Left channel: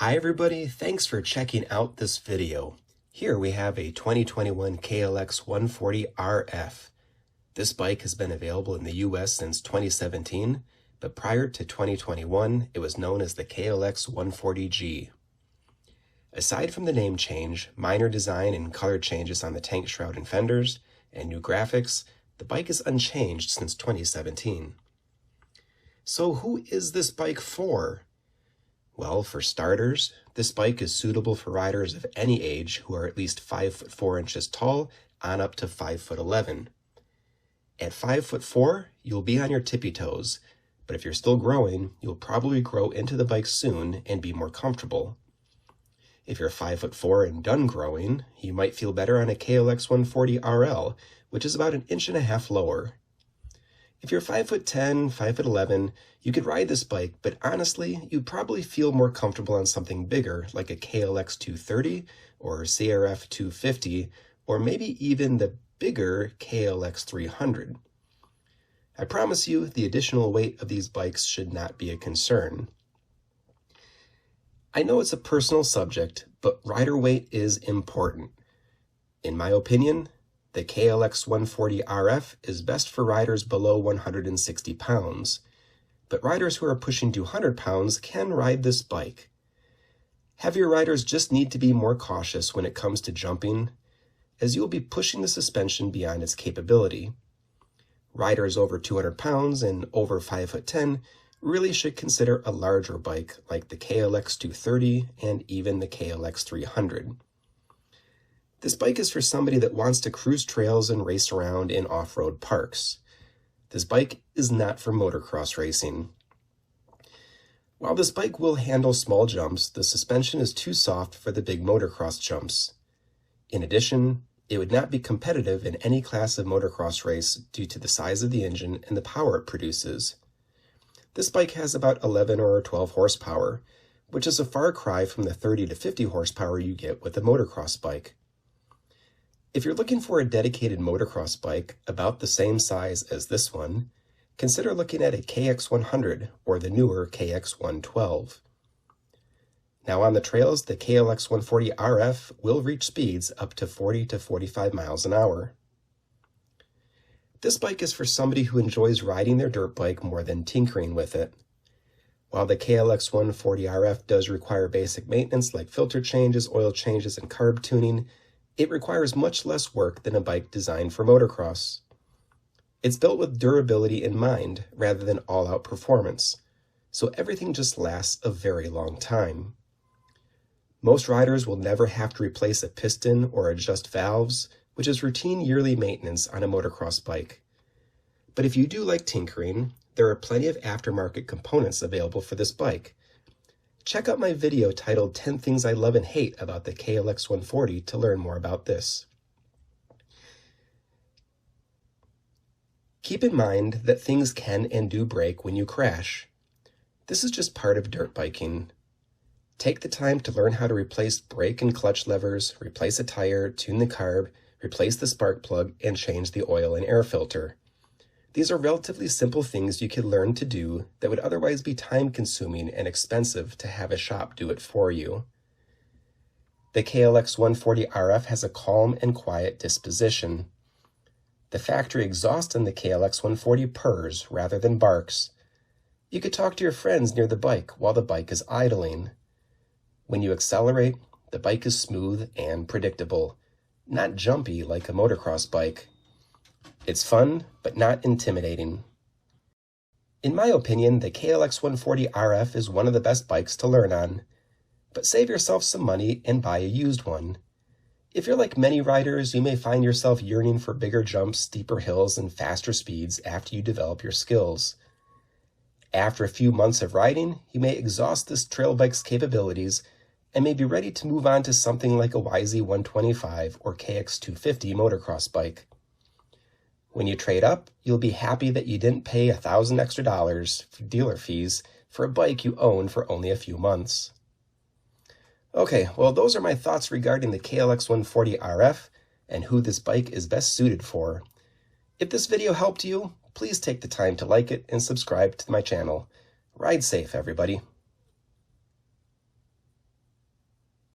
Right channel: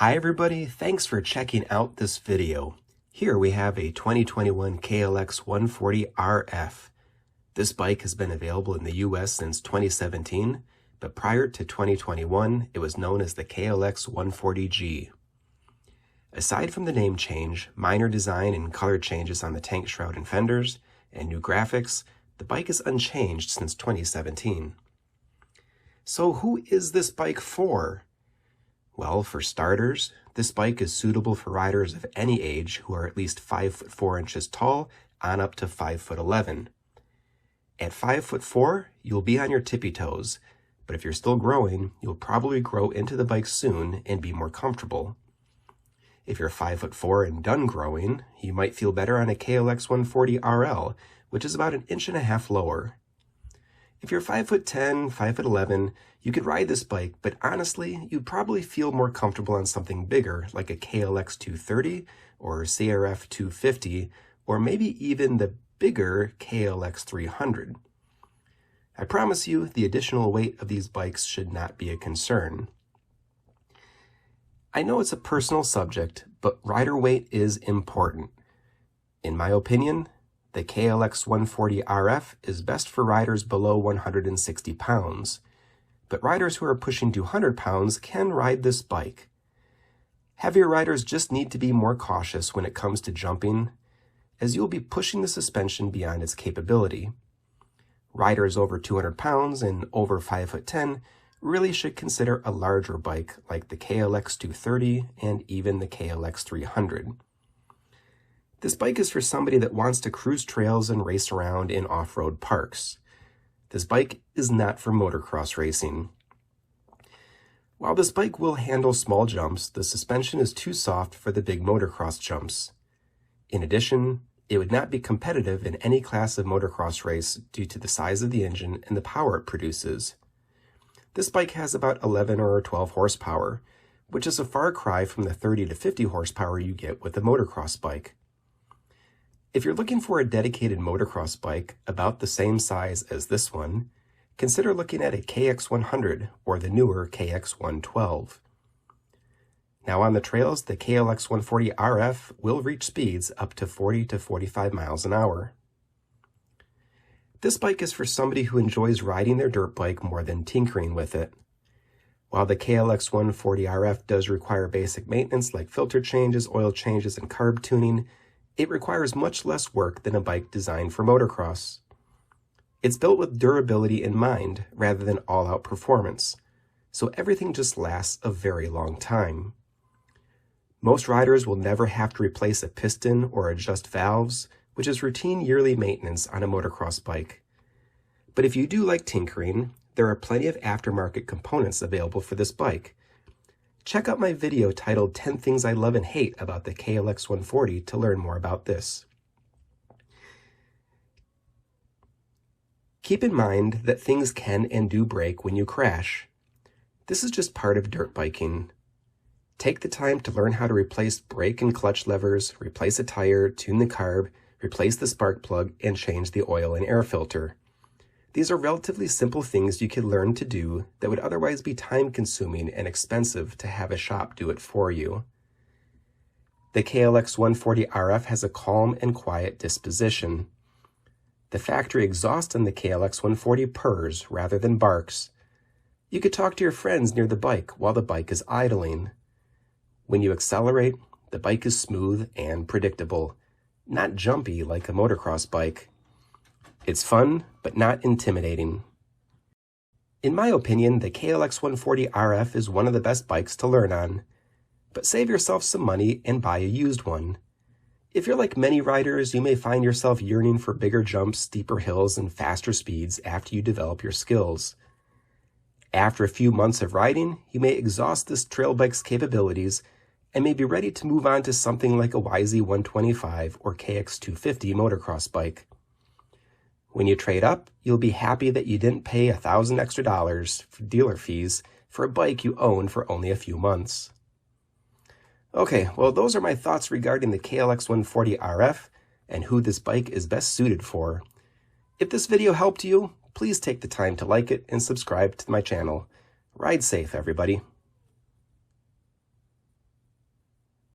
Hi everybody, thanks for checking out this video. Here we have a 2021 KLX140RF. This bike has been available in the US since 2017, but prior to 2021, it was known as the KLX140G. Aside from the name change, minor design and color changes on the tank shroud and fenders, and new graphics, the bike is unchanged since 2017. So who is this bike for? Well, for starters, this bike is suitable for riders of any age who are at least 5 foot 4 inches tall on up to 5 foot 11. At 5 foot 4, you'll be on your tippy toes, but if you're still growing, you'll probably grow into the bike soon and be more comfortable. If you're 5 foot 4 and done growing, you might feel better on a KLX140RL, which is about 1.5 inches lower. If you're 5 foot 10, 5 foot 11, you could ride this bike, but honestly, you'd probably feel more comfortable on something bigger like a KLX230 or CRF250, or maybe even the bigger KLX300. I promise you, the additional weight of these bikes should not be a concern. I know it's a personal subject, but rider weight is important. In my opinion, the KLX140RF is best for riders below 160 pounds, but riders who are pushing 200 pounds can ride this bike. Heavier riders just need to be more cautious when it comes to jumping, as you'll be pushing the suspension beyond its capability. Riders over 200 pounds and over 5 foot 10 really should consider a larger bike like the KLX230 and even the KLX300. This bike is for somebody that wants to cruise trails and race around in off-road parks. This bike is not for motocross racing. While this bike will handle small jumps, the suspension is too soft for the big motocross jumps. In addition, it would not be competitive in any class of motocross race due to the size of the engine and the power it produces. This bike has about 11 or 12 horsepower, which is a far cry from the 30 to 50 horsepower you get with a motocross bike. If you're looking for a dedicated motocross bike about the same size as this one, consider looking at a KX100 or the newer KX112. Now on the trails, the KLX140RF will reach speeds up to 40 to 45 miles an hour. This bike is for somebody who enjoys riding their dirt bike more than tinkering with it. While the KLX140RF does require basic maintenance like filter changes, oil changes, and carb tuning, it requires much less work than a bike designed for motocross. It's built with durability in mind rather than all-out performance, so everything just lasts a very long time. Most riders will never have to replace a piston or adjust valves, which is routine yearly maintenance on a motocross bike. But if you do like tinkering, there are plenty of aftermarket components available for this bike. Check out my video titled 10 Things I Love and Hate About the KLX140 to learn more about this. Keep in mind that things can and do break when you crash. This is just part of dirt biking. Take the time to learn how to replace brake and clutch levers, replace a tire, tune the carb, replace the spark plug, and change the oil and air filter. These are relatively simple things you can learn to do that would otherwise be time-consuming and expensive to have a shop do it for you. The KLX140RF has a calm and quiet disposition. The factory exhaust on the KLX140 purrs rather than barks. You could talk to your friends near the bike while the bike is idling. When you accelerate, the bike is smooth and predictable, not jumpy like a motocross bike. It's fun, but not intimidating. In my opinion, the KLX140RF is one of the best bikes to learn on, but save yourself some money and buy a used one. If you're like many riders, you may find yourself yearning for bigger jumps, steeper hills, and faster speeds after you develop your skills. After a few months of riding, you may exhaust this trail bike's capabilities and may be ready to move on to something like a YZ125 or KX250 motocross bike. When you trade up, you'll be happy that you didn't pay $1,000 extra for dealer fees for a bike you own for only a few months. Okay, well those are my thoughts regarding the KLX140RF and who this bike is best suited for. If this video helped you, please take the time to like it and subscribe to my channel. Ride safe, everybody.